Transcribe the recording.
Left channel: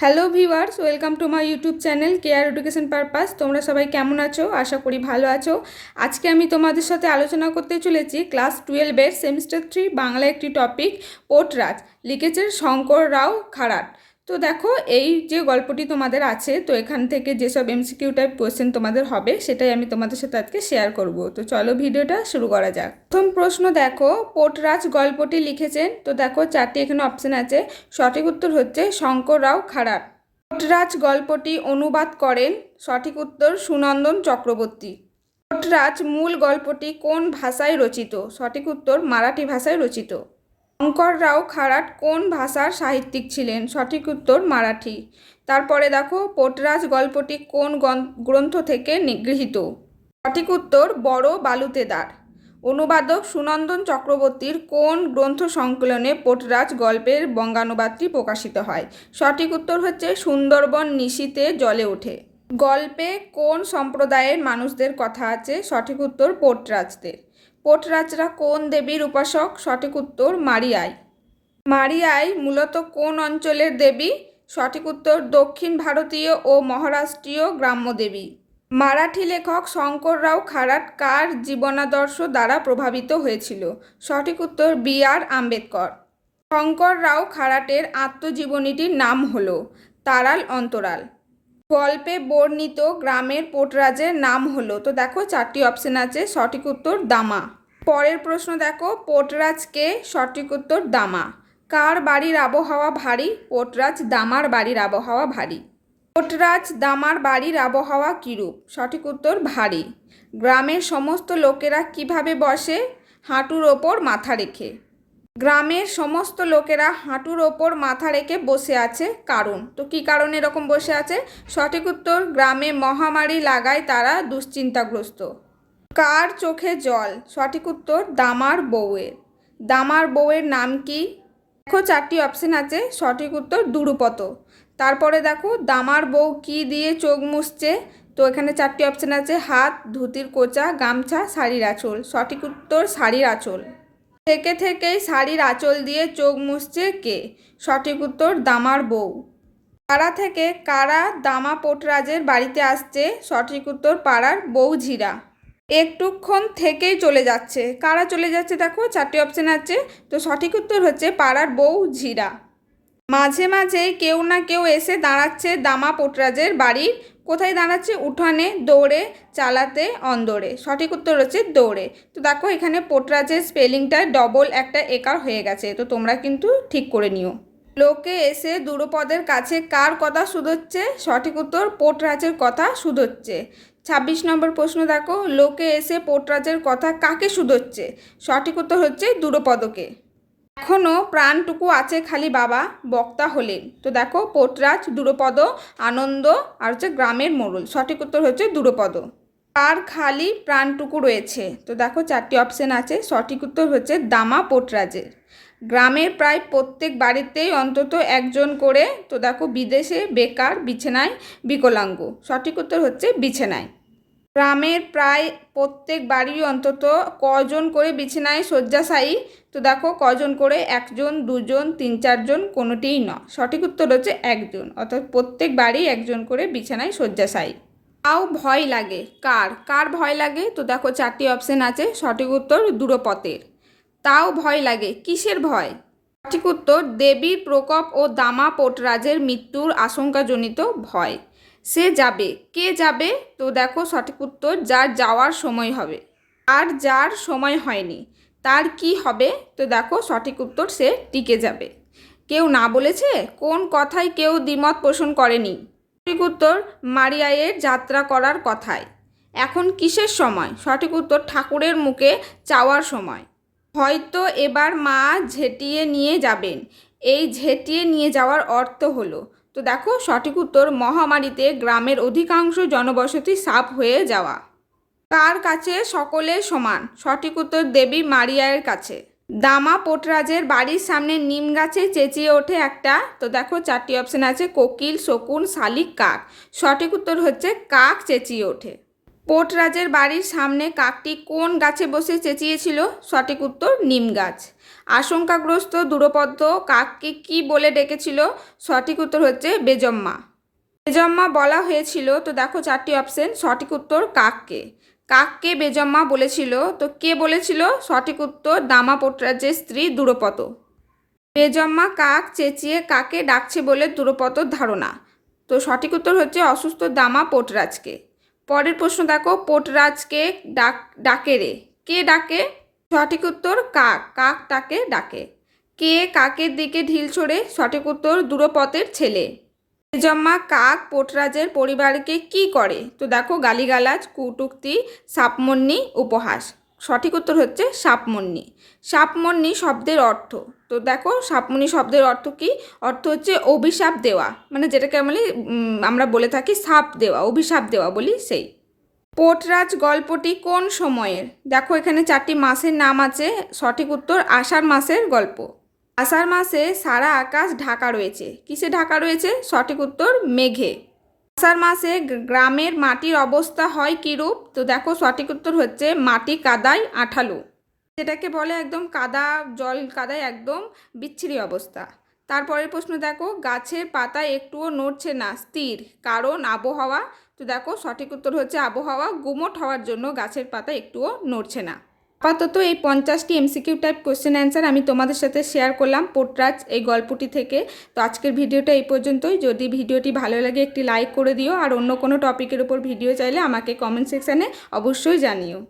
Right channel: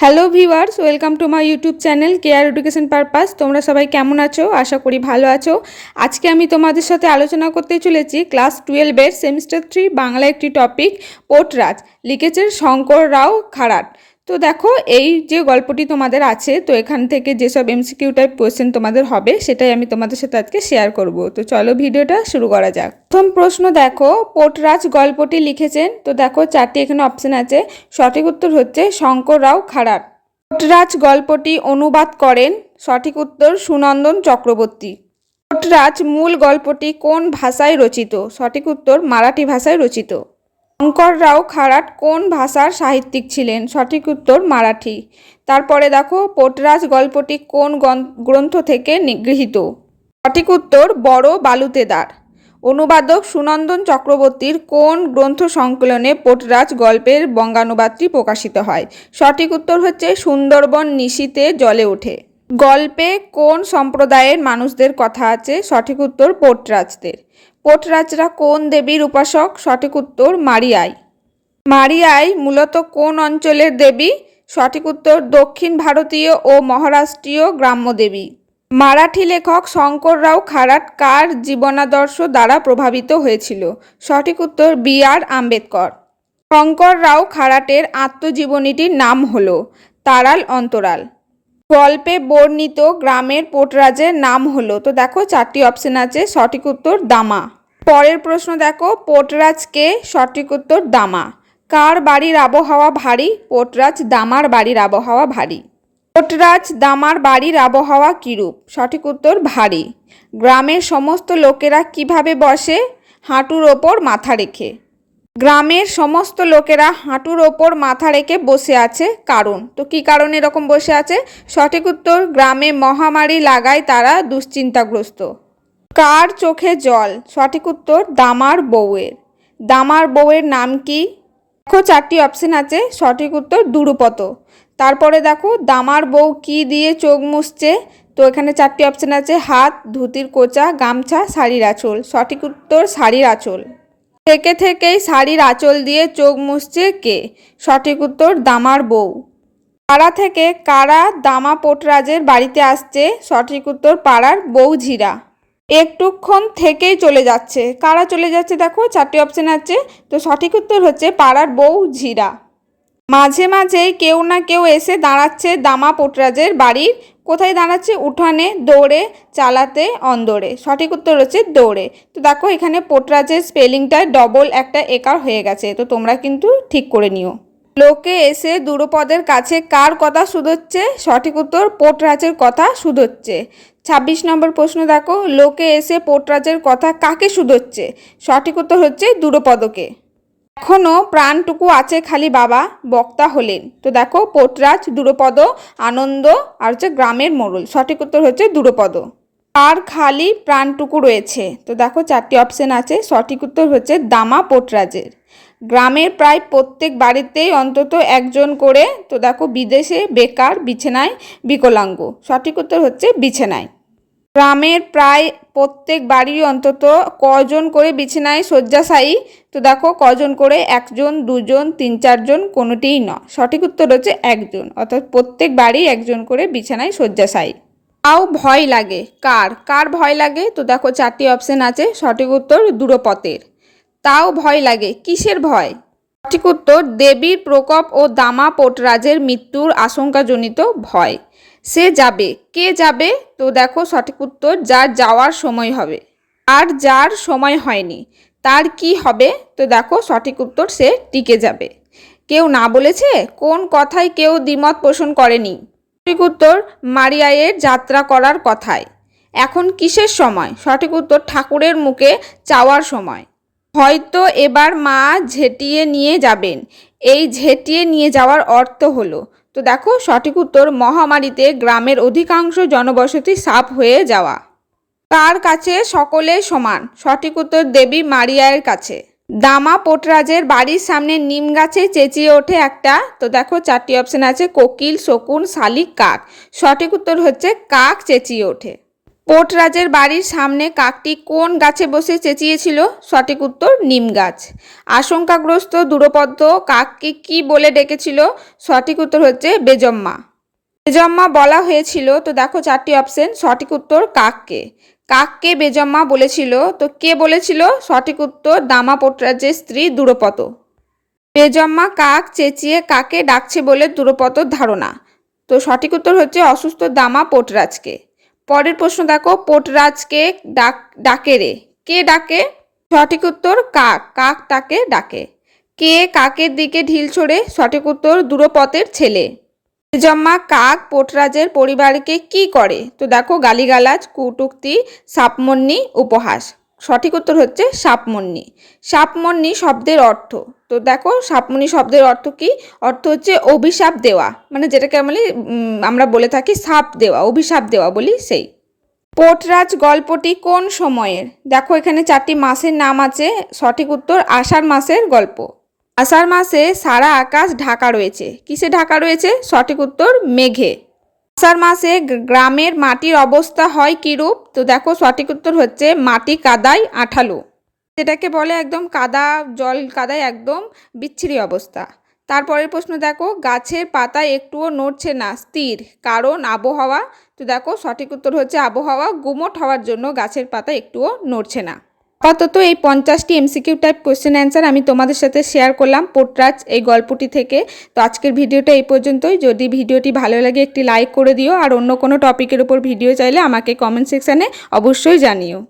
Hello viewers welcome to my YouTube channel care education purpose তোমরা সবাই কেমন আছো? আশা করি ভালো আছো। আজকে আমি তোমাদের সাথে আলোচনা করতে চলেছি ক্লাস টুয়েলভের সেমিস্টার থ্রি বাংলা একটি টপিক পোটরাজ। লিখেছেন শঙ্কর রাও খারাট। তো দেখো, এই যে গল্পটি তোমাদের আছে, তো এখান থেকে যেসব এমসিকিউ টাইপ কোয়েশ্চেন তোমাদের হবে, সেটাই আমি তোমাদের সাথে আজকে শেয়ার করব। তো চলো ভিডিওটা শুরু করা যাক। প্রথম প্রশ্ন দেখো, পোটরাজ গল্পটি লিখেছেন। তো দেখো, চারটি এখানে অপশন আছে। সঠিক উত্তর হচ্ছে শঙ্কর রাও খারাপ পোটরাজ গল্পটি অনুবাদ করেন। সঠিক উত্তর সুনন্দন চক্রবর্তী। পোটরাজ মূল গল্পটি কোন ভাষায় রচিত? সঠিক উত্তর মারাঠি ভাষায় রচিত। শঙ্কর রাও খারাট কোন ভাষার সাহিত্যিক ছিলেন? সঠিক উত্তর মারাঠি। তারপরে দেখো, পোটরাজ গল্পটি কোন গ্রন্থ থেকে গৃহীত? সঠিক উত্তর, বড় বালুতেদার। অনুবাদক সুনন্দন চক্রবর্তীর কোন গ্রন্থ সংকলনে পোটরাজ গল্পের বঙ্গানুবাদটি প্রকাশিত হয়? সঠিক উত্তর হচ্ছে, সুন্দরবন নিশীতে জলে ওঠে। গল্পে কোন সম্প্রদায়ের মানুষদের কথা আছে? সঠিক উত্তর, পোটরাজদের। পোটরাজরা কোন দেবীর উপাসক? সঠিক উত্তর, মারিয়াই। মারিয়াই মূলত কোন অঞ্চলের দেবী? সঠিক উত্তর, দক্ষিণ ভারতীয় ও মহারাষ্ট্রীয় গ্রাম্য দেবী। মারাঠি লেখক শঙ্কর রাও খারাট কার জীবনাদর্শ দ্বারা প্রভাবিত হয়েছিল? সঠিক উত্তর, বি আর আম্বেদকর। শঙ্কর রাও খারাটের আত্মজীবনীটির নাম হল তারাল অন্তরাল। গল্পে বর্ণিত গ্রামের পোটরাজের নাম হলো। তো দেখো, চারটি অপশন আছে, সঠিক উত্তর দামা। পরের প্রশ্ন দেখো, পোটরাজকে সঠিক উত্তর দামা। কার বাড়ির আবহাওয়া ভারী? পোটরাজ দামার বাড়ির আবহাওয়া ভারী। পোটরাজ দামার বাড়ির আবহাওয়া কীরূপ? সঠিক উত্তর ভারী। গ্রামের সমস্ত লোকেরা কীভাবে বসে? হাঁটুর ওপর মাথা রেখে। গ্রামের সমস্ত লোকেরা হাঁটুর ওপর মাথা রেখে বসে আছে। কারণ? তো কি কারণে এরকম বসে আছে? সঠিক উত্তর, গ্রামে মহামারী লাগায় তারা দুশ্চিন্তাগ্রস্ত। কার চোখে জল? সঠিক উত্তর, দামার বউয়ের। দামার বউয়ের নাম কি? দেখো, চারটি অপশন আছে। সঠিক উত্তর, দুরুপত। তারপরে দেখো, দামার বউ কি দিয়ে চোখ মুছছে? তো এখানে চারটি অপশন আছে। হাত, ধুতির কোচা, গামছা, শাড়ির আঁচল। সঠিক উত্তর, শাড়ির আঁচল। থেকে থেকেই শাড়ির আঁচল দিয়ে চোখ মুছছে কে? সঠিক উত্তর, দামার বউ। পাড়া থেকে কারা দামা পোটরাজের বাড়িতে আসছে? সঠিক উত্তর, পাড়ার বউ ঝিরা একটুক্ষণ থেকেই চলে যাচ্ছে। কারা চলে যাচ্ছে দেখো, চারটি অপশন আছে। তো সঠিক উত্তর হচ্ছে পাড়ার বউ ঝিরা মাঝে মাঝেই কেউ না কেউ এসে দাঁড়াচ্ছে দামা পোটরাজের বাড়ির কোথায় দাঁড়াচ্ছে? উঠানে, দৌড়ে, চালাতে, অন্দরে। সঠিক উত্তর হচ্ছে দৌড়ে। তো দেখো, এখানে পোটরাজের স্পেলিংটায় ডবল একটা একার হয়ে গেছে। তো তোমরা কিন্তু ঠিক করে নিও। লোকে এসে দুরুপদের কাছে কার কথা শুধোচ্ছে? সঠিক উত্তর, পোটরাজের কথা শুধোচ্ছে। ছাব্বিশ নম্বর প্রশ্ন দেখো, লোকে এসে পোটরাজের কথা কাকে শুধোচ্ছে? সঠিক উত্তর হচ্ছে দুরুপদকে। এখনও প্রাণটুকু আছে খালি বাবা, বক্তা হলেন। তো দেখো, পোটরাজ, দুরপদ, আনন্দ, আর হচ্ছে গ্রামের মোড়ল। সঠিক উত্তর হচ্ছে দুরপদ। আর খালি প্রাণটুকু রয়েছে। তো দেখো, চারটি অপশন আছে। সঠিক উত্তর হচ্ছে দামা পোটরাজের। গ্রামের প্রায় প্রত্যেক বাড়িতেই অন্তত একজন করে, তো দেখো, বিদেশে বেকার, বিছানায় বিকলাঙ্গ। সঠিক উত্তর হচ্ছে বিছানায়। গ্রামের প্রায় প্রত্যেক বাড়ির অন্তত কজন করে বিছানায় শয্যাশায়ী? তো দেখো, কজন করে? একজন, দুজন, তিন, চারজন, কোনোটিই নয় সঠিক উত্তর হচ্ছে একজন। অর্থাৎ প্রত্যেক বাড়ি একজন করে বিছানায় শয্যাশায়ী। তাও ভয় লাগে। কার? কার ভয় লাগে? তো দেখো, চারটি অপশন আছে। সঠিক উত্তর দূরপথের। তাও ভয় লাগে। কিসের ভয়? সঠিক উত্তর দেবীর প্রকোপ ও দামা পোটরাজের মৃত্যুর আশঙ্কাজনিত ভয়। সে যাবে। কে যাবে? তো দেখো সঠিক উত্তর, যার যাওয়ার সময় হবে। আর যার সময় হয়নি, তার কি হবে? তো দেখো সঠিক উত্তর, সে টিকে যাবে। কেউ না বলেছে? কোন কথায় কেউ দ্বিমত পোষণ করেনি? সঠিক উত্তর মারিয়ায়ের যাত্রা করার কথায়। এখন কিসের সময়? সঠিক উত্তর, ঠাকুরের মুখে চাওয়ার সময়। হয়তো এবার মা ঝেঁটিয়ে নিয়ে যাবেন। এই ঝেঁটিয়ে নিয়ে যাওয়ার অর্থ হলো তো দেখো, সঠিক উত্তর, মহামারীতে গ্রামের অধিকাংশ জনবসতি সাপ হয়ে যাওয়া। তার কাছে সকলে সমান। সঠিক উত্তর, দেবী মারিয়ার কাছে। দামা পোটরাজের বাড়ির সামনে নিম গাছে চেঁচিয়ে ওঠে একটা। তো দেখো, চারটি অপশন আছে, কোকিল, শকুন, শালিক, কাক। সঠিক উত্তর হচ্ছে, কাক চেঁচিয়ে ওঠে। পোটরাজের বাড়ির সামনে কাকটি কোন গাছে বসে চেঁচিয়েছিল? সঠিক উত্তর, নিম গাছ। আশঙ্কাগ্রস্ত, দূরপদ্ম, কাককে কি বলে ডেকেছিল? সঠিক উত্তর হচ্ছে বেজম্মা। বেজম্মা বলা হয়েছিল, তো দেখো চারটি অপশন সঠিক উত্তর কাককে। কাককে বেজম্মা বলেছিল, তো কে বলেছিল? সঠিক উত্তর, দামা পোটরাজের স্ত্রী দূরপত বেজম্মা কাক চেঁচিয়ে কাকে ডাকছে বলে দূরপতর ধারণা। তো সঠিক উত্তর হচ্ছে অসুস্থ দামা পোটরাজকে। পরের প্রশ্ন দেখো, পোটরাজকে ডাক, ডাকে রে। কে ডাকে? সঠিক উত্তর, কাক। কাক তাকে ডাকে। কে কাকের দিকে ঢিল ছড়ে? সঠিক উত্তর, দূরপথের ছেলে। জম্মা কাক পোটরাজের পরিবারকে কি করে? তো দেখো, গালিগালাজ, কুটুক্তি, সাপমন্নি, উপহাস। সঠিক উত্তর হচ্ছে সাপমন্নি। সাপমন্নি শব্দের অর্থ। তো দেখো সাপমন্নি শব্দের অর্থ কি? অর্থ হচ্ছে অভিশাপ দেওয়া। মানে যেটাকে আমরা আমরা বলে থাকি সাপ দেওয়া, অভিশাপ দেওয়া বলি সেই। পোটরাজ গল্পটি কোন সময়ের? দেখো এখানে চারটি মাসের নাম আছে, সঠিক উত্তর আষাঢ় মাসের গল্প। আষাঢ় মাসে সারা আকাশ ঢাকা রয়েছে। কিসে ঢাকা রয়েছে? সঠিক উত্তর মেঘে। আষাঢ় মাসে গ্রামের মাটির অবস্থা হয় কীরূপ? তো দেখো সঠিক উত্তর হচ্ছে মাটি কাদায় আঠালো। যেটাকে বলে একদম কাদা, জল কাদায় একদম বিচ্ছিরি অবস্থা। তারপরের প্রশ্ন দেখো, গাছের পাতা একটুও নড়ছে না, স্থির, কারণ আবহাওয়া। তো দেখো, সঠিক উত্তর হচ্ছে আবহাওয়া, গুমোট হওয়ার জন্য গাছের পাতা একটুও নড়ছে না। আপাতত এই পঞ্চাশটি এমসিকিউ টাইপ কোশ্চেন অ্যান্সার আমি তোমাদের সাথে শেয়ার করলাম পোটরাজ এই গল্পটি থেকে। তো আজকের ভিডিওটা এই পর্যন্তই। যদি ভিডিওটি ভালো লাগে, একটি লাইক করে দিও। আর অন্য কোনো টপিকের উপর ভিডিও চাইলে আমাকে কমেন্ট সেকশানে অবশ্যই জানিও।